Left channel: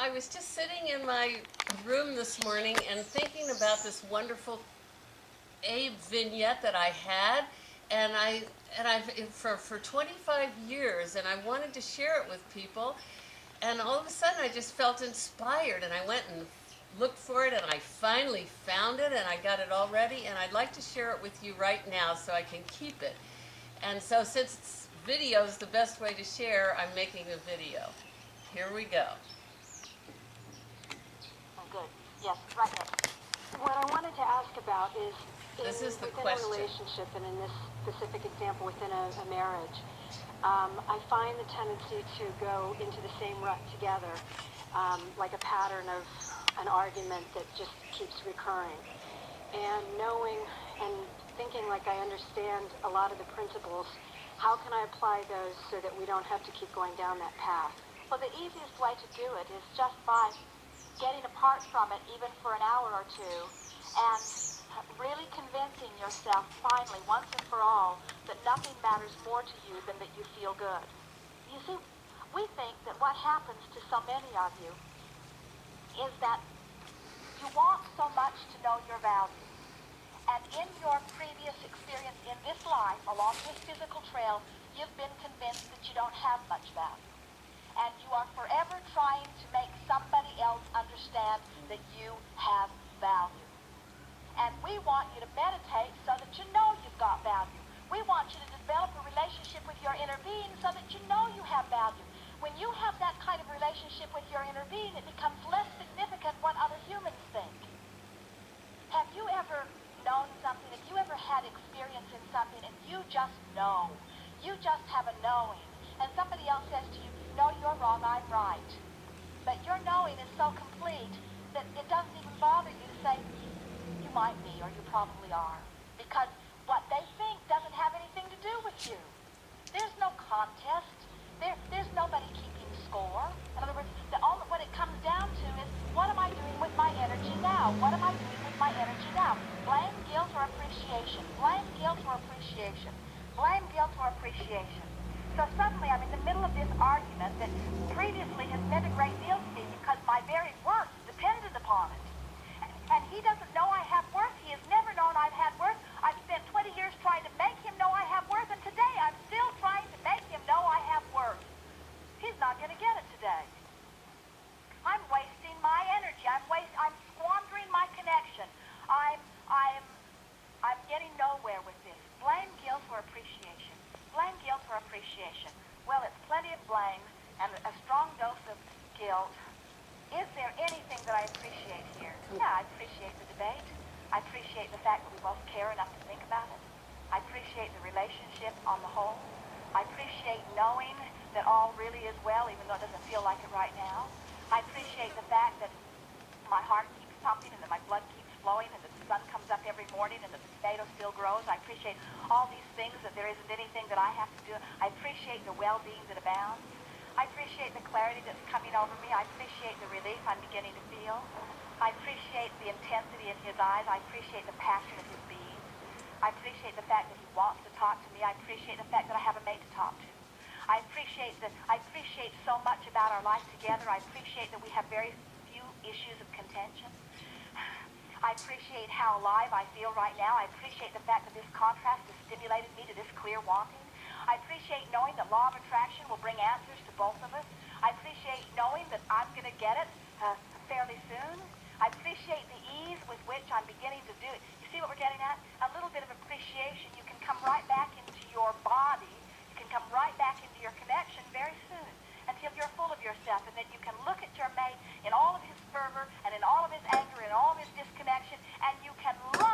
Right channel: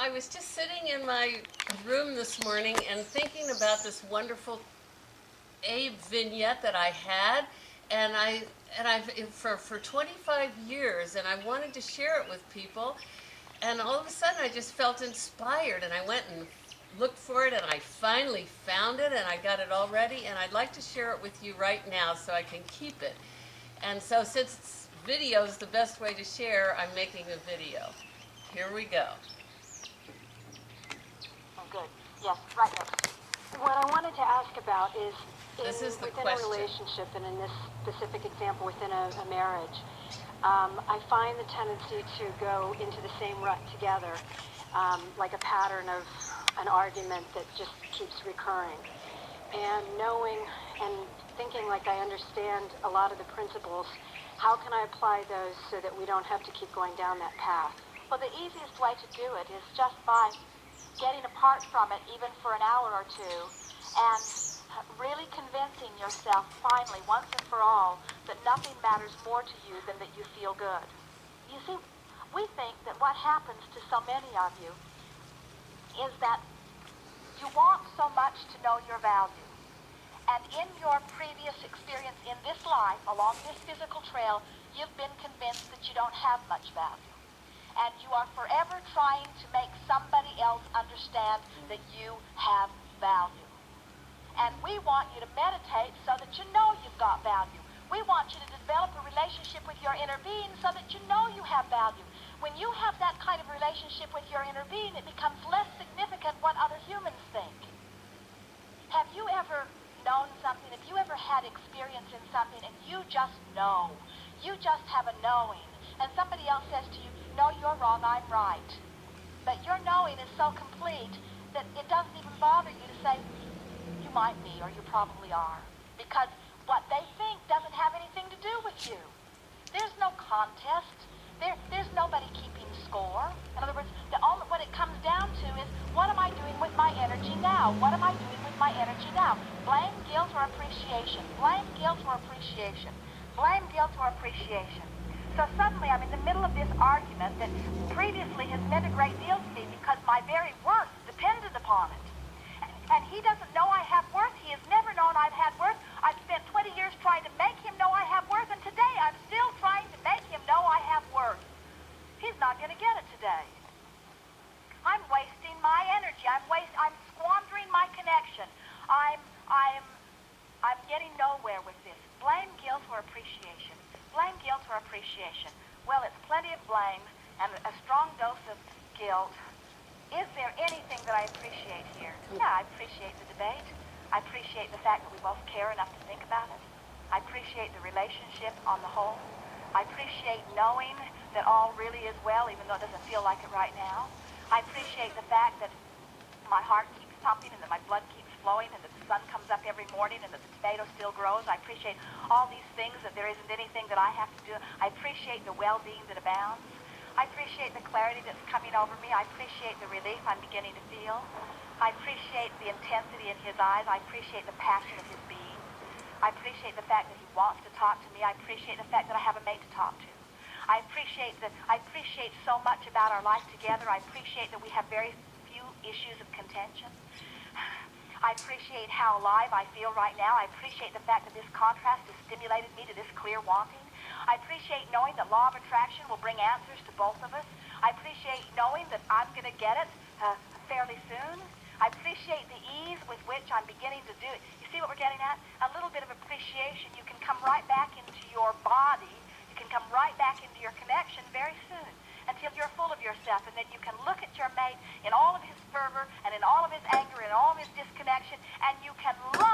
I was just sitting in my room this morning and thinking about this wonderful Abe vignette that I had, and I've for 25 years, and I wanted to share it with people, and all of a sudden I just felt inspired, and I went and looked for it, and I finally found it, and I got it all ready, and I'd like to share it with you right now so I can keep it. And so since video is the best way to share, I'm making a video. Here we go. Oh, good. Yes, right next. What I wanted to ask about is, This is the within question. a relationship, and in this specific example, within a marriage, I find the tendency to go into the same rut together, like a pattern of an argument that just keeps recurring. And knowing and thinking like I understand a lot of the principles, how can I apply those so that we don't have to keep going down that path? Well, the easiest way to do it is just by getting apart from it even for an hour or two and really convincing yourself finally, once and for all, that nothing matters more to you than that you feel good. You see, we think that what happens to so many of you is that you want so much to know your value. And in your previous experience in this life, along this physical trail, you've been convinced that you don't have much value. And you are forever trying to make somebody else understand that you have value. And we want you to meditate so that you know you've got value. We want you to develop a relationship with your inner being so that you know you have value. When you have that kind of relationship with your inner being, it becomes less significant what other humans think. Have you ever known something? Have you ever had experience in something and you just know? You just have a knowing. And somebody else says to you, no, you're wrong, I'm right. But your knowing is so complete that it doesn't even bother you to say, you might be or you probably are. Because what they think doesn't have anything to do with you. There's no contest. There's nobody keeping score. In other words, what it comes down to is, what am I doing with my energy now? What am I doing with my energy now? Blame, guilt, or appreciation. Blame, guilt, or appreciation. Blame, guilt, or appreciation. So suddenly I'm in the middle of this argument that previously has meant a great deal to me because my very worth depended upon it. And he doesn't know I have worth. He has never known I've had worth. I've spent 20 years trying to make him know I have worth, and today I'm still trying to make him know I have worth. He's not going to get it today. I'm wasting my energy. I'm squandering my connection. I'm getting nowhere with this. Blame, guilt, or appreciation. Blame, guilt, or appreciation. Well, it's plenty of blame and a strong dose of guilt. Is there anything that I appreciate here? Yeah, I appreciate the debate. I appreciate the fact that we both care enough to think about it. I appreciate the relationship on the whole. I appreciate knowing that all really is well, even though it doesn't feel like it right now. I appreciate the fact that my heart keeps pumping and that my blood keeps flowing and that the sun comes up every morning and that the tomato still grows. I appreciate all these things, that there isn't anything that I have to do. I appreciate the well-being that abounds. I appreciate the clarity that's coming over me. I appreciate the relief I'm beginning to feel. I appreciate the intensity in his eyes. I appreciate the passion of his being. I appreciate the fact that he wants to talk to me. I appreciate the fact that I have a mate to talk to. I appreciate so much about our life together. I appreciate that we have very few issues of contention. I appreciate how alive I feel right now. I appreciate the fact that this contrast has stimulated me to this clear wanting. I appreciate knowing that law of attraction will bring answers to both of us. I appreciate knowing that I'm going to get it fairly soon. I appreciate the ease with which I'm beginning to do it. You see what we're getting at? A little bit of appreciation. You can come right back into your body. You can come right back into your connection very soon until you're full of yourself. And then you can look at your mate in all of his fervor and in all of his anger and all of his disconnection, and you can love